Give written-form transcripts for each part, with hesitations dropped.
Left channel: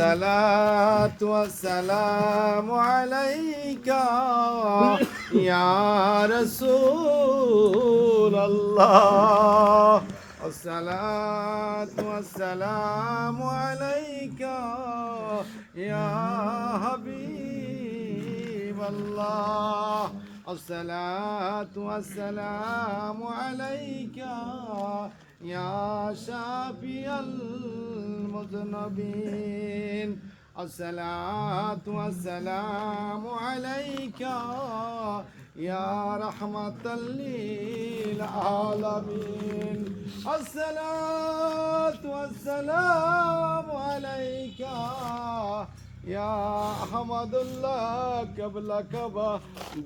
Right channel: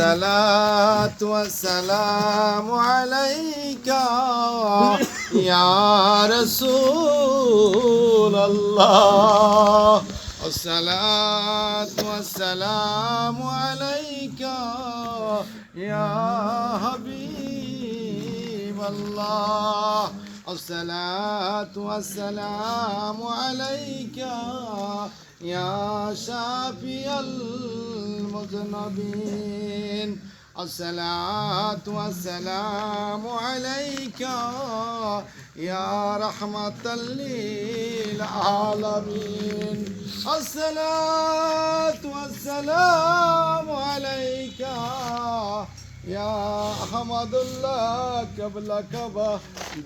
الصلاة والسلام عليك يا رسول الله الصلاة والسلام عليك يا حبيب الله الصلاة والسلام عليك يا شافي المذنبين الصلاة والسلام عليك يا رحمة للعالمين الصلاة والسلام عليك يا أحمد الله قبلك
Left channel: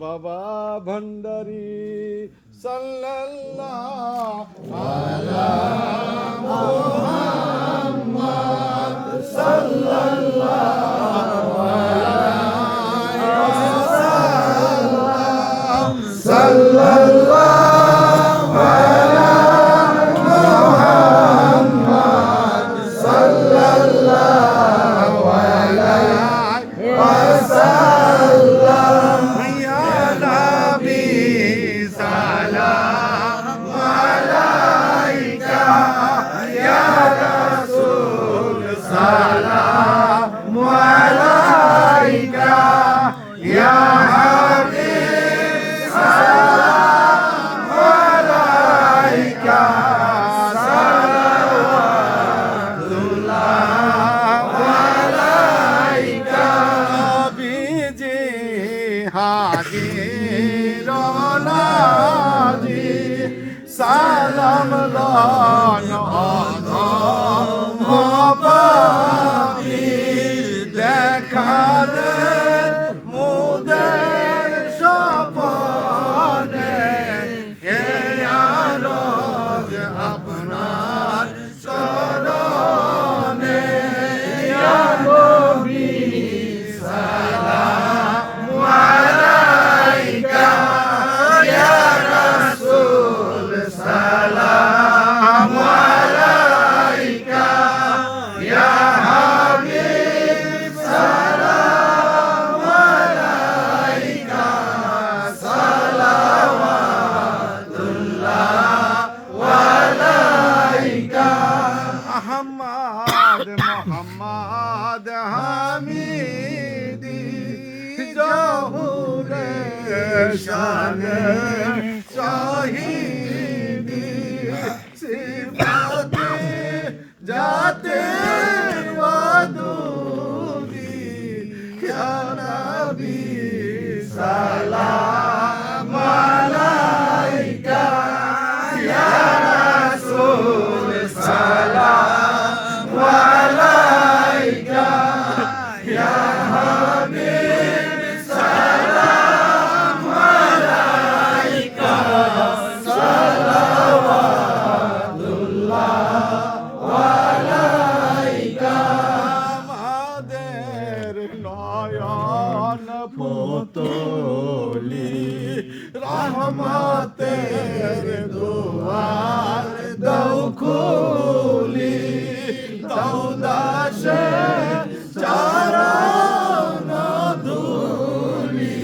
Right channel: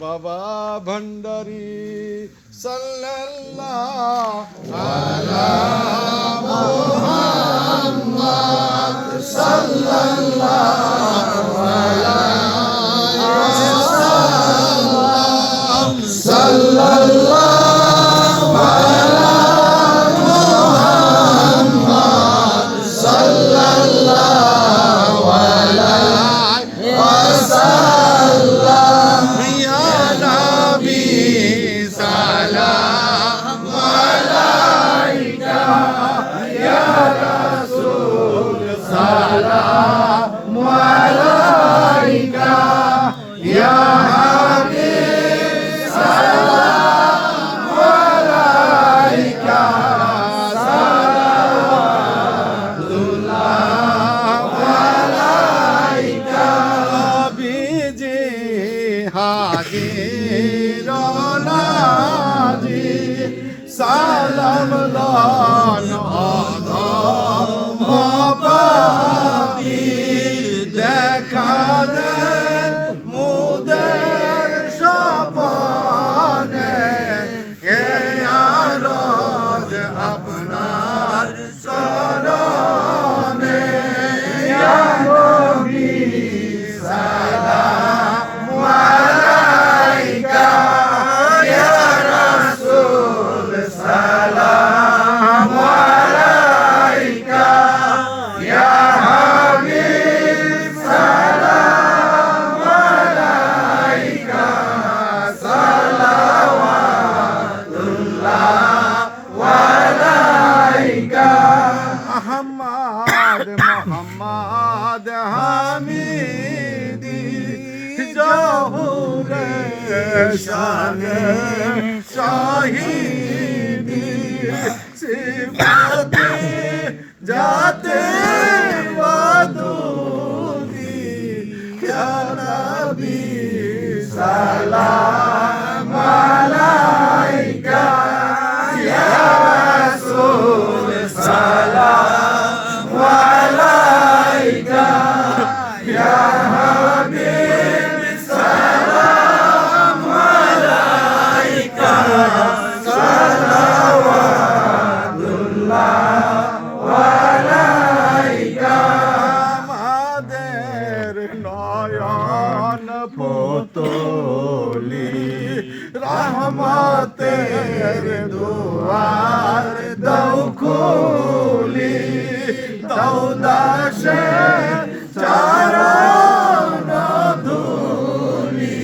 بابا بندري صلى الله على محمد صلى الله عليه وسلم صلى الله على محمد صلى الله عليه وسلم يا نبي سلام عليك يا رسول سلام عليك يا حبيب سلام عليك صلوات الله عليك بيجي حاضر ناجي سلام دان মহাবাবীর দেখা দেন মুদের স্বপনে হে আরজ আপনার চরণে ইয়া নবী সালাম আলাইকা ইয়া রাসূল সালাম আলাইকা ইয়া হাবিব সালাম আলাইকা সালাওয়াতুল্লাহ আলাইকা আহমদ মোহাম্মদ হামিদি জহুরে শানে শাহিদি সিফাতে जाते दूरी या नबी सलाम अलैका या रसूल सलाम अलैका या हबीब सलाम अलैका सलावतुल्लाह আমাদের নয়ন পুতলি রহমতের দুয়ার দাও খুলি দাও দাসে চরণ ধুলি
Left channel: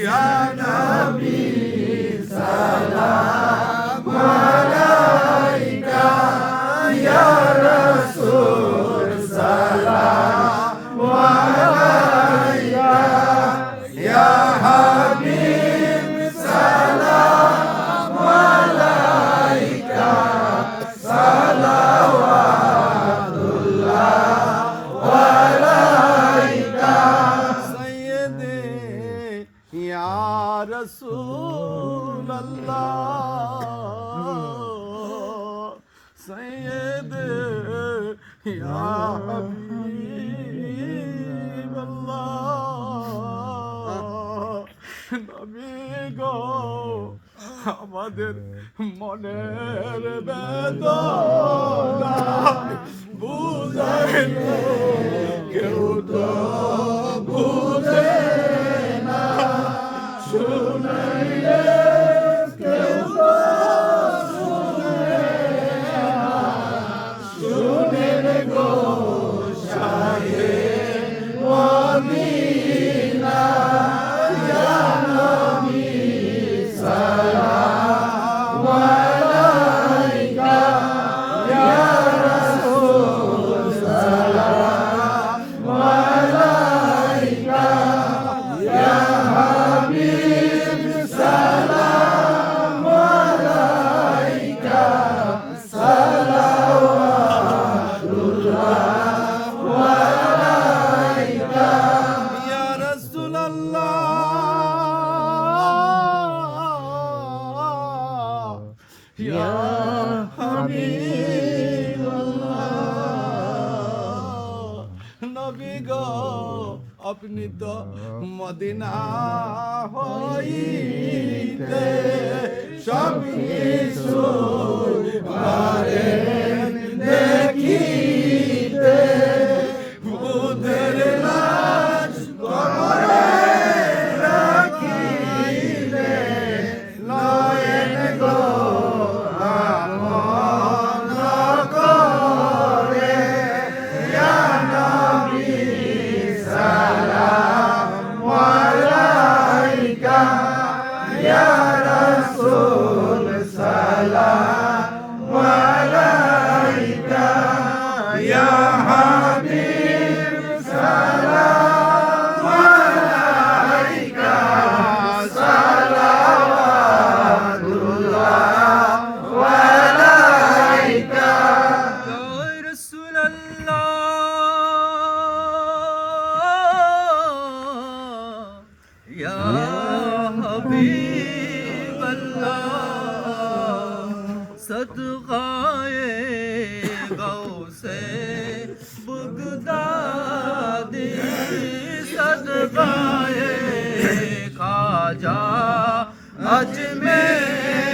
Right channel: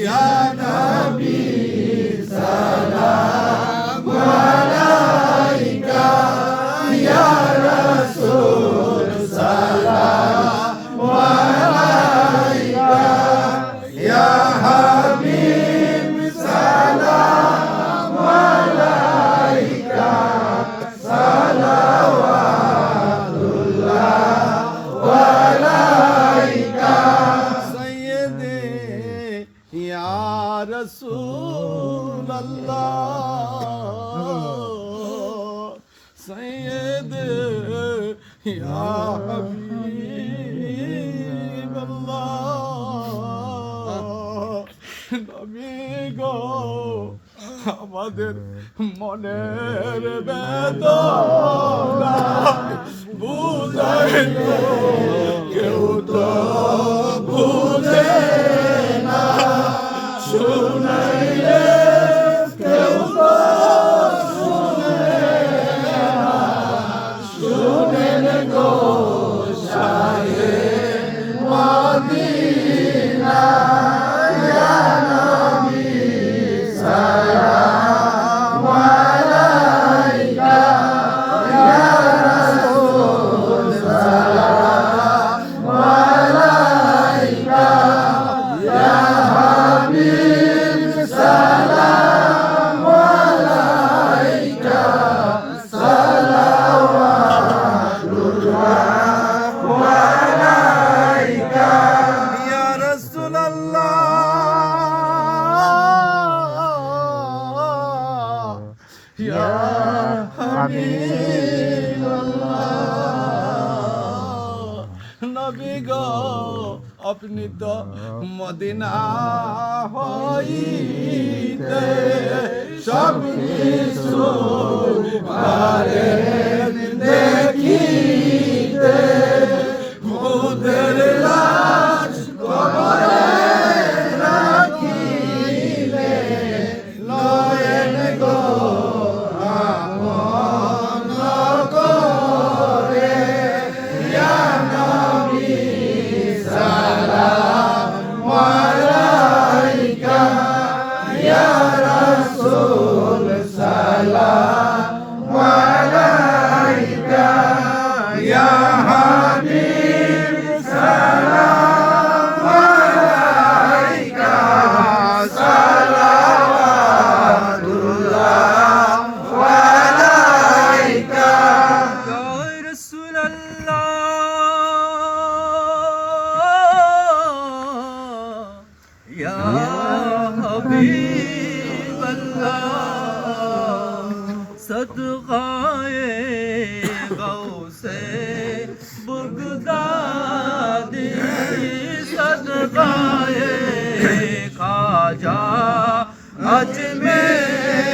ইয়া নবী সালাম আলাইকা ইয়া রাসূল সালাম আলাইকা ইয়া হাবিব সালাম আলাইকা সালাওয়াতুল্লাহ আলাইকা সাইয়্যিদি ইয়া রাসূলুল্লাহ سيد يا حبيب الله নবী গো আমাদের মনের বেদনা বুঝাইলে কেউ তো বুঝে না শুনাইলে কেউ তো শুনে নবী গো আপনি তো মদিনা হইতে সব কিছু পারেন দেখিতে খুদের লাশ কবরে রাখিলে নয়ন গো আমন করে ইয়া নবী সালাম আলাইকা ইয়া রাসূল সালাম আলাইকা ইয়া হাবিব সালাম আলাইকা সালাওয়াতুল্লাহ আলাইকা ইয়া রাসূলুল্লাহ ইয়া হাবিবাল্লাহ সদকায়ে গৌসে বগদাদি সদকায়ে খাজা আজমের